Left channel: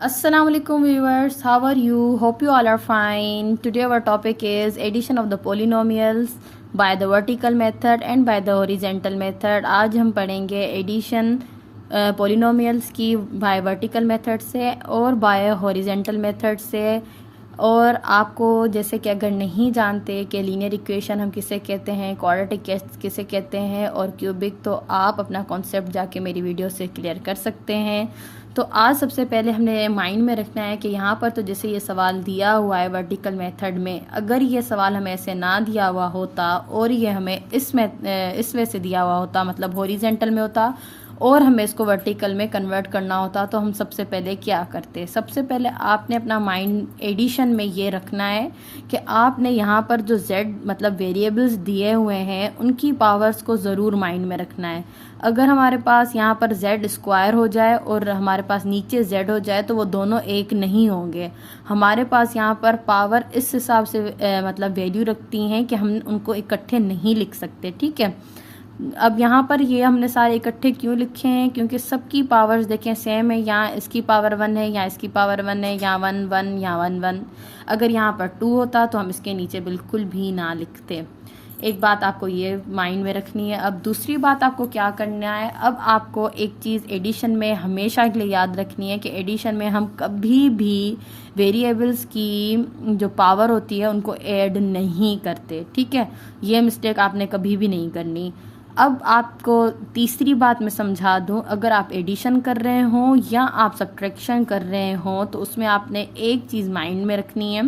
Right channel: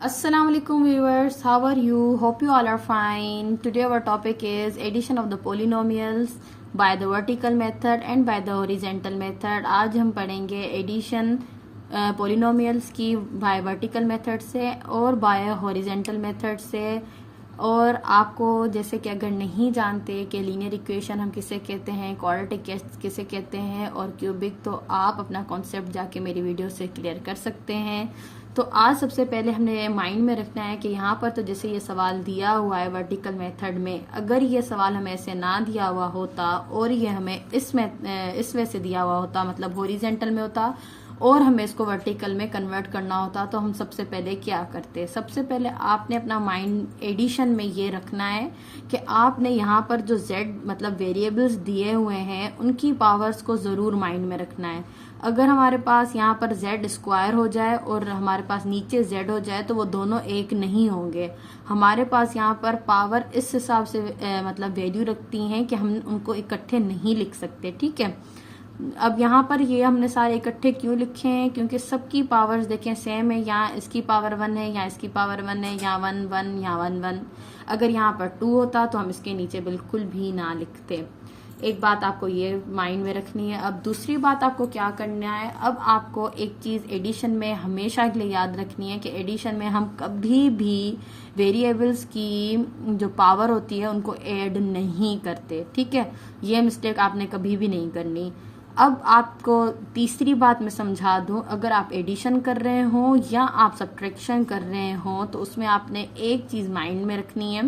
Assalamualaikum viewers, how are you? Hope you all are fine. Today our topic is addition of the polynomials by the vertical method and by the horizontal method. आज हम पढ़ेंगे addition polynomials की bye vertical method से और bye horizontal method से। और आपको जैसे कि अगर नहीं जानते कि लीनियर इक्वेशन हम किसे कहते हैं, क्वाड्रेटिक किसे कहते हैं और क्यूबिक, तो आप अपना कॉन्सेप्ट जाके मेरी वीडियो से क्लियर कर सकते हैं। तो आज सबसे पहले हमने माइंड में रखना है कि यहाँ पर तो जैसे ये सवाल दिया हुआ है वर्टिकल मेथड में, अगर ये सवाल हमें ऐसे ना दिया हुआ होता और ये हमें इस वे से दिया हुआ होता, मतलब हॉरिजेंटल में होता और हमें इसको वर्टिकल में कन्वर्ट करना होता, तो हम सबसे पहले क्या करते। सबसे पहले आपने अपना माइंड एडिशन में ये रखना है कि आपने यहाँ पर जो z मतलब वेरिएबल्स दिए हुए हैं उनकी पावर्स को ज़रूर माइंड में रखना है। अगर हमारे पास यहाँ पर z स्क्वायर हो जाए और हमारे पास नीचे z हो जाए तो वो दोनों एक नहीं होंगे। हमारे पास यहाँ पर पावर इस हिसाब से मतलब वैल्यू रखती हैं कि हम उनको इकट्ठे नहीं लिख सकते, ठीक है। अब यहाँ पर ये हमने सारे इकट्ठे क्यों लिखे हैं, क्योंकि सबकी पावर्स देखें सेम है। यहाँ इसकी पावर 1 है, यहाँ इसकी पावर 1 है, यहाँ 1 1, यहाँ 1 1। अगर यहाँ पर 2 होता तो हम इसके नीचे बिल्कुल भी ना लिखते। एक बात आपको ये माइंड में रखनी है। अब दूसरी बात आपको क्या करना है, अब आपको एक चीज़ एडिशन में हमेशा के लिए याद रखनी है कि एडिशन में हम कभी भी वेरिएबल्स की जो पावर होती है उनको ऐड नहीं करते, ठीक है। ये मिस्टेक आपने कभी भी नहीं करनी। अब आपको तीसरी बात मैं समझा दूं, अगर आप एडिशन कर रहे हो या आप सब्ट्रैक्शन कर रहे हो तो उसमें आपने एक चीज़ माइंड में रखनी है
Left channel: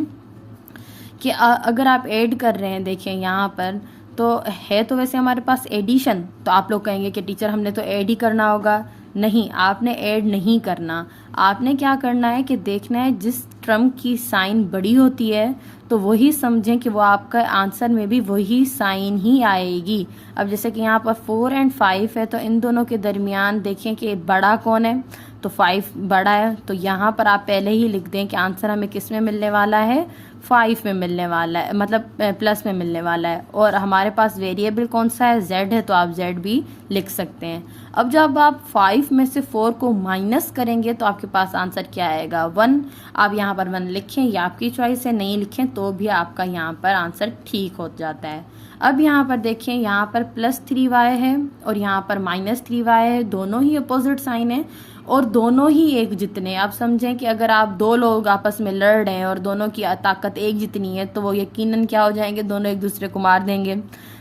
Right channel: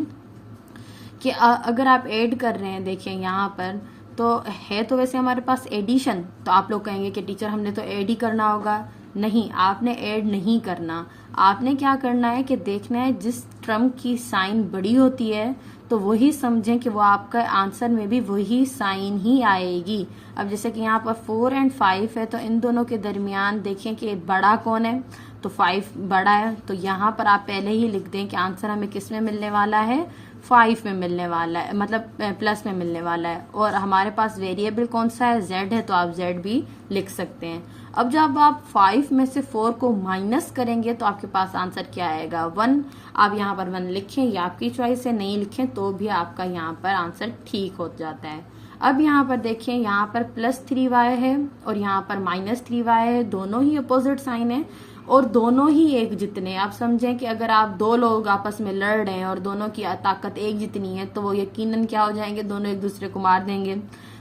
कि अगर आप ऐड कर रहे हैं, देखिए यहाँ पर तो है तो वैसे हमारे पास एडिशन, तो आप लोग कहेंगे कि टीचर हमने तो ऐड ही करना होगा। नहीं, आपने ऐड नहीं करना। आपने क्या करना है कि देखना है जिस टर्म की साइन बड़ी होती है तो वही समझें कि वो आपका आंसर में भी वही साइन ही आएगी। अब जैसे कि यहाँ पर 4 और 5 है तो इन दोनों के दरमियान देखें कि बड़ा कौन है, तो 5 बड़ा है। तो यहाँ पर आप पहले ही लिख दें कि आंसर हमें किस में मिलने वाला है, 5 में मिलने वाला है, मतलब प्लस में मिलने वाला है। और हमारे पास वेरिएबल कौन सा है, z है, तो आप z भी लिख सकते हैं। अब जब आप 5 में से 4 को माइनस करेंगे तो आपके पास आंसर क्या आएगा, 1। आप यहाँ पर 1 लिखें या आपकी चॉइस है, नहीं लिखें तो भी आपका यहाँ पर आंसर ठीक हो जाता है। अब यहाँ पर देखिए, यहाँ पर +3y है और यहाँ पर -3y है, दोनों ही अपोजिट साइन है और दोनों ही एक जितने। आप समझें कि अगर आप दो लोग आपस में लड़ रहे हैं और दोनों की ताकत एक जितनी है तो वो यकीनन क्या हो जाएंगे, दोनों एक दूसरे को मार देंगे।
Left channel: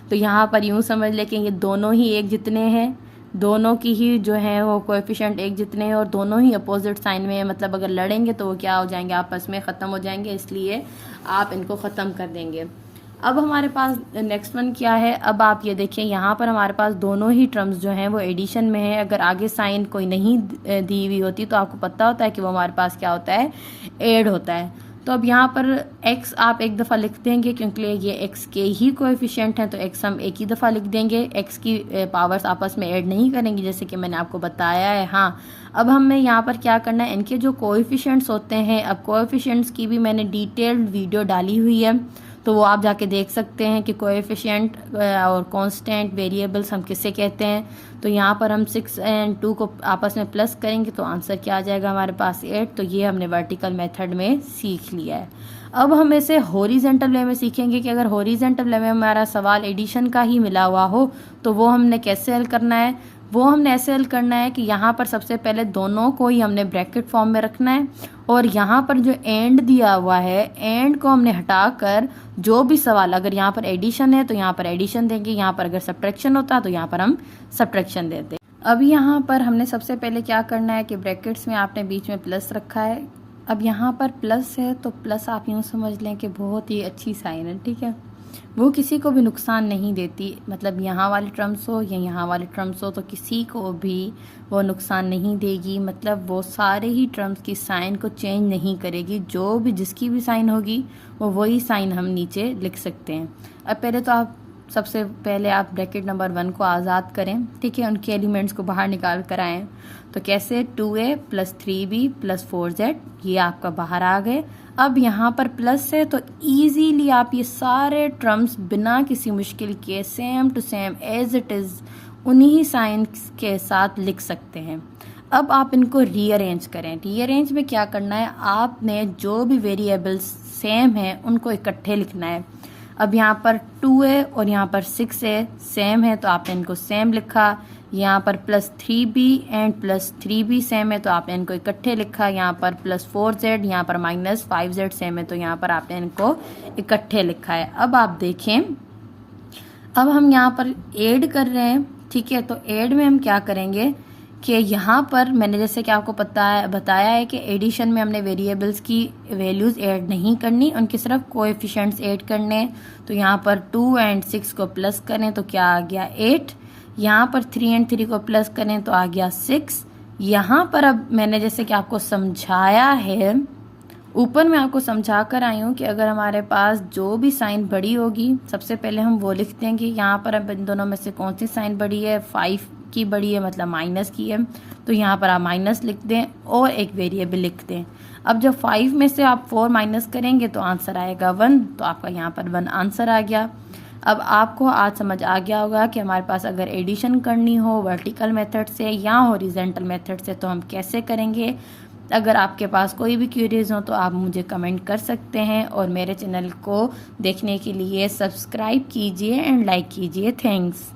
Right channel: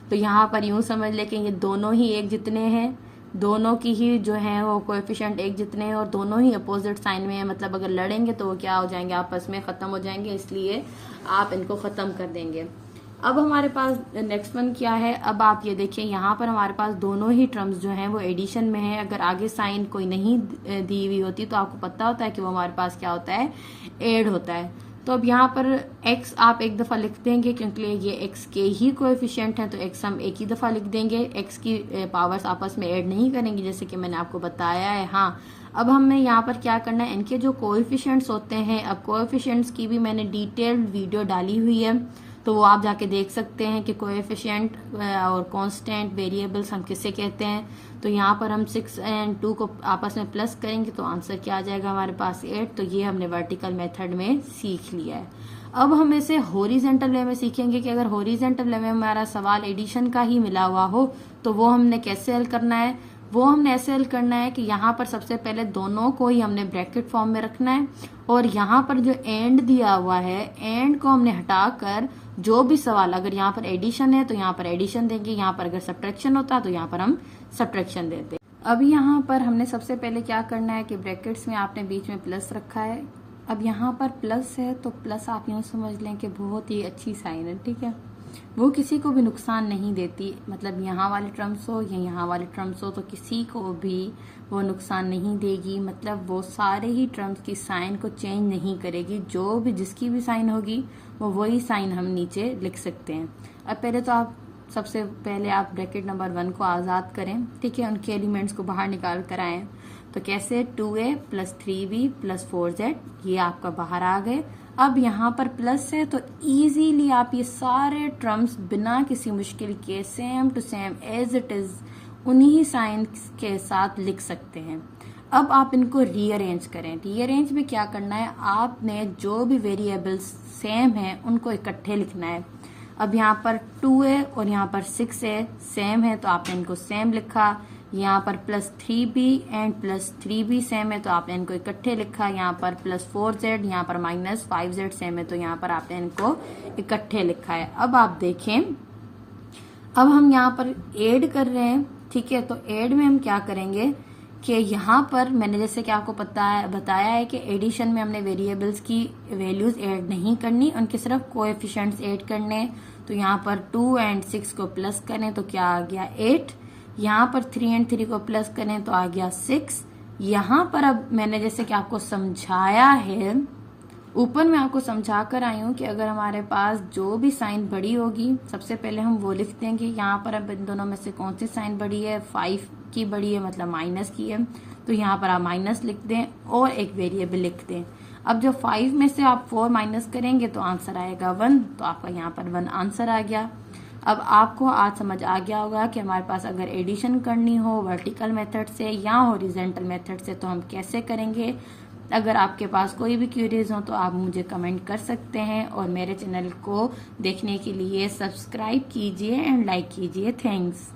तो यहाँ पर यूं समझ लें कि ये दोनों ही एक जितने हैं, दोनों की ही जो है वो कोएफिशिएंट एक जितने हैं और दोनों ही अपोजिट साइन में है। मतलब अगर लड़ेंगे तो वो क्या हो जाएंगे, आपस में ख़त्म हो जाएंगे, इसलिए आप इनको ख़त्म कर देंगे। अब हमारे पास नेक्स्ट वन क्या है, अब आप ये देखिए यहाँ पर हमारे पास दोनों ही टर्म्स जो हैं वो एडिशन में है। अगर आगे साइन कोई नहीं दी हुई होती तो आपको पता होता है कि वो हमारे पास क्या होता है, ऐड होता है। तो अब यहाँ पर x आप एक दफ़ा लिख देंगे क्योंकि ये x के ही कोएफिशिएंट हैं, तो x हम एक ही दफ़ा लिख देंगे। x की पावर्स आपस में ऐड नहीं करेंगे जैसे कि मैंने आपको बताया है। हाँ, अब हमें यहाँ पर क्या करना है, इनके जो कोएफिशिएंट्स होते हैं, अब कोएफिशिएंट्स की भी मैंने डिटेल्ड वीडियो डाली हुई है तो वो आप जाके देख सकते हैं कि कोएफिशिएंट और कांस्टेंट वेरिएबल्स हम किससे कहते हैं। तो यहाँ पर हम 6 और 2 को आपस में प्लस करेंगे तो आंसर क्या आ जाएगा हमारे पास, 8। तो ये हमने वर्टिकल मेथड में सीख लिया है। अब हम इसे हॉरिजेंटल वे में सीखेंगे कि अगर हॉरिजेंटल वे में हमारा सवाल एडिशन का ही मिला हुआ हो तो वो हमने कैसे हल करना है। वो हमने ऐसे हल करना है कि यहाँ पर सबसे पहले दोनों को ही हमने ब्रैकेट फॉर्म में रखना है और यहाँ पर जो एंड दिया हुआ है, एंड को हमने हटाकर जो भी सवाल, अगर यहाँ पर एडिशन है तो यहाँ पर एडिशन देंगे, यहाँ पर अगर सब्ट्रैक्शन होता तो यहाँ पर हम सब्ट्रैक्शन देते। अब यहाँ पर हमने सबसे पहले क्या करना है कि ब्रैकेट्स में आपने बीच में प्लस रखा है। अब यहाँ पर प्लस है तो प्लस आप यूँ समझ लें कि बहुत ही अच्छी साइन है, ठीक है। वो किसी को भी नुकसान नहीं देती, मतलब यहाँ वाले टर्म्स हो या यहाँ वाले टर्म्स हो तो किसी को भी वो नुकसान नहीं देगी। मतलब वो सारे ही टर्म्स की साइन को चेंज नहीं करेगी, जो भी जिसकी भी साइन होगी वो वही साइन हम नीचे लिख सकते हैं। अब पहले तो आप सबसे पहले आप ब्रैकेट नंबर 1 को आज़ाद करें, ठीक है, उनके एलिमेंट्स को बाहर निकाल कर आएँ। तो कैसे, 2a + 3b + 4z, ये आपका बाहर आ गए। अब यहाँ पर प्लस है तो इजीली आप ये सारे टर्म्स बिना किसी मुश्किल के same to same as it is उन्हीं साइन के साथ लिख सकते हैं। अब आप इनको रीअरेंज करें। रीअरेंज में क्या करना है, आपने जो भी वेरिएबल्स सेम है उनको इकट्ठे लिखना है। अब यहाँ पर 2 है और यहाँ पर 6 है, सेम है तो आपने इनको सेम लिखा। यहाँ पर +3b एंड +3b सेम है तो आपने इनको इकट्ठे लिखा। यहाँ पर +4z, यहाँ पर -5z सेम है तो यहाँ पर आपने इनको इकट्ठे लिखा है। अब आप देखें, अब हम यहाँ पर ऐड कर रहे हैं, ठीक है। तो ऐड में हम क्या करेंगे कि यहाँ पर मैंने जैसे कि आपको बताया है कि एडिशन में हमने वेरिएबल्स की वैल्यूज ऐड नहीं करनी, उनके सिर्फ कोएफिशिएंट्स ऐड करने। तो यहाँ पर 2 एंड 6 को प्लस करें तो क्या आ गया 8। यहाँ पर 3 एंड 3 को प्लस करें तो आ गया 6। यहाँ पर अब मैंने जैसे कि आपको समझाया है, ऊपर मैं आपको समझा कर आई हूँ कि अगर हमारे पास जो भी साइन बड़ी होगी, सबसे पहले हम वो लिख देंगे। यहाँ पर अब इन दोनों में से कौन सी साइन बड़ी है, 5 की बड़ी है, मतलब माइनस की है, तो यहाँ पर आप माइनस लिख दें और एक वेरिएबल लिख दें। अब जब 5 में से आप 4 माइनस करेंगे तो आंसर आएगा 1, तो आपका यहाँ पर 1 आंसर आ गया। अब आपको आज समझ आ गया होगा कि हमारे पास अगर एडिशन करनी हो वर्टिकल मेथड से या हॉरिजॉन्टल मेथड से तो हम कैसे करेंगे। अगर आपके पास कोई भी क्वेरीज हो तो आप मुझे कमेंट कर सकते हैं, और मेरे चैनल को देखने के लिए सब्सक्राइब कीजिए एंड लाइक कीजिए। थैंक्स।